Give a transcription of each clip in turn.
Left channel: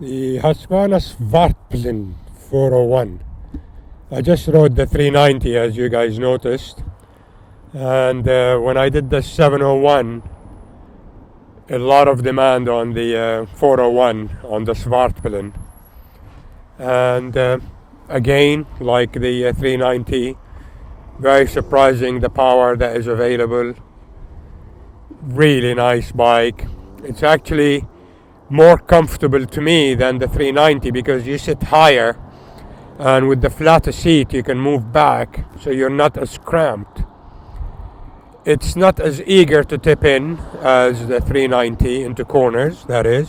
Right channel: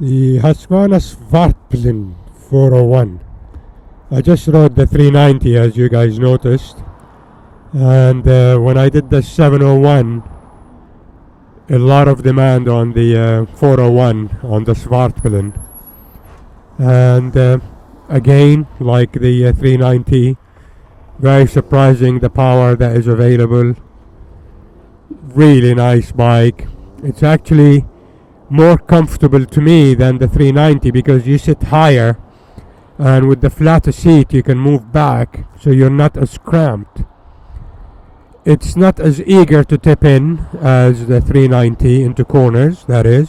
The Husqvarna Svartpilen 401. I just rode the 390 as you guys noticed, and when I did the 701, a lot of demand on the 401 on the Svartpilen, and again, like the 390, very surprising the power that is available. Really nice bike. It's actually more comfortable to me than the 390 because you sit higher, and with the flatter seat you can move back, so you're not as cramped. It's not as eager to tip in as the 390 into corners, that is,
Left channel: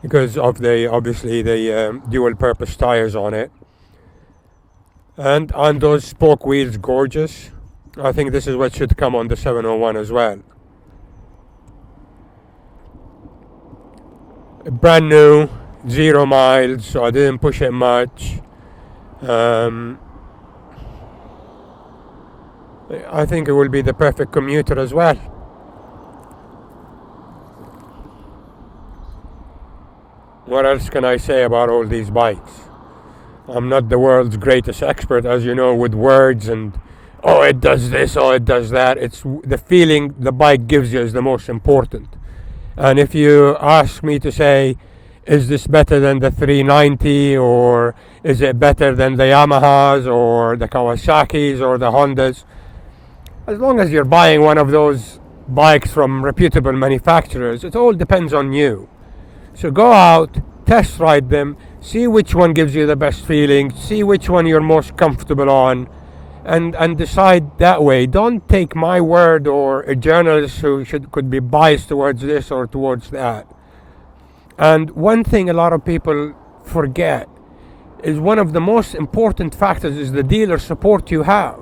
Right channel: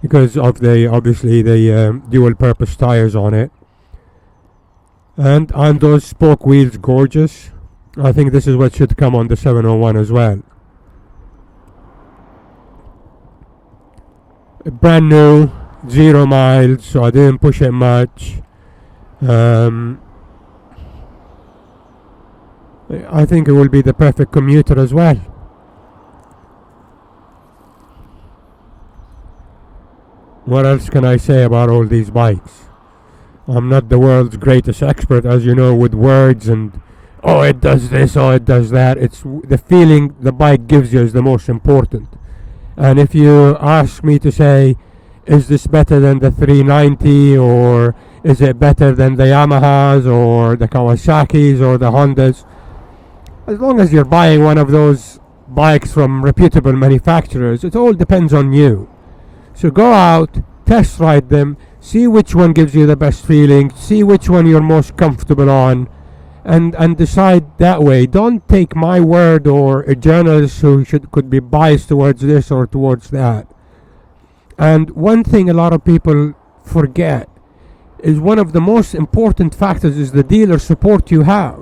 because of the obviously the dual purpose tires on it. And on those spoke wheels, gorgeous. I think this is what should come on the 701 as well. Brand new, 0 miles, so I didn't push it much. I think it will be the perfect commuter as well. What else can I say about all these bikes? I'm not the world's greatest expert, as you know, with words and oh it does this, oh it does that. It's the feeling the bike gives you is the most important. And if you ask me to say, is this better than the 390, or is it better than the Yamahas or the Kawasaki's or the Hondas, as long as you're buying one of those bikes from reputable manufacturers, it all depends on you. So go out, test ride them, see which one gives you the best feeling, see which one you're most comfortable on, and decide that way. Don't take my word or a journalist who could be biased towards this or towards that. And one thing a lot of people forget is one of the most important factors is the dealer support you have.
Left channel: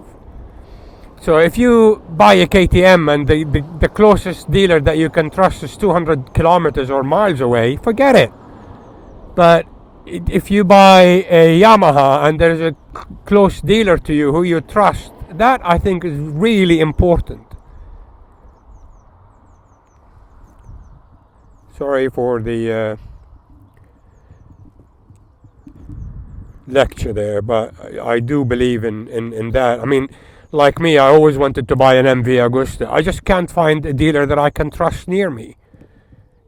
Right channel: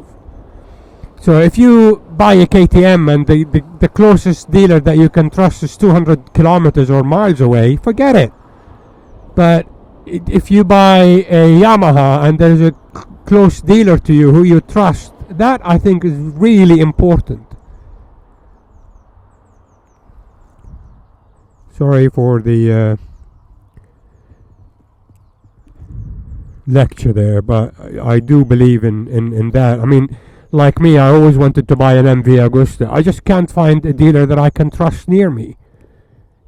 So if you buy a KTM and the closest dealer that you can trust is 200 kilometers or miles away, forget it. But if you buy a Yamaha and there's a close dealer to you who you trust, that I think is really important. Sorry for the lecture there, but I do believe in that. I mean, like me, I always wanted to buy an MV Agusta. I just can't find a dealer that I can trust near me.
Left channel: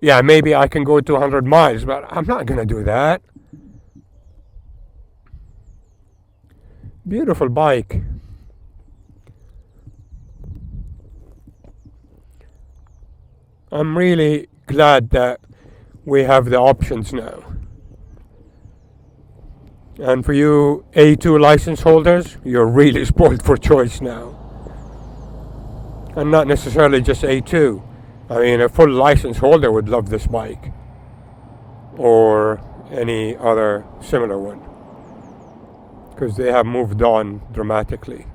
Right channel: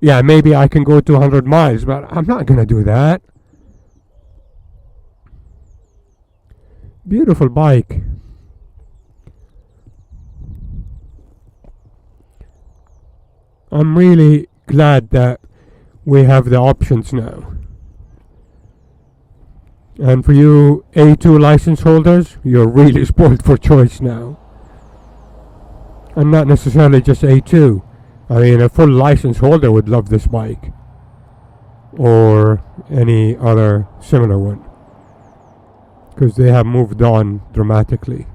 Yeah, maybe I can go 200 miles, but I'm not going to do that. Beautiful bike. I'm really glad that we have the options now. And for you A2 license holders, you're really spoiled for choice now. And not necessarily just A2. I mean, a full license holder would love this bike, or any other similar one, because they have moved on dramatically.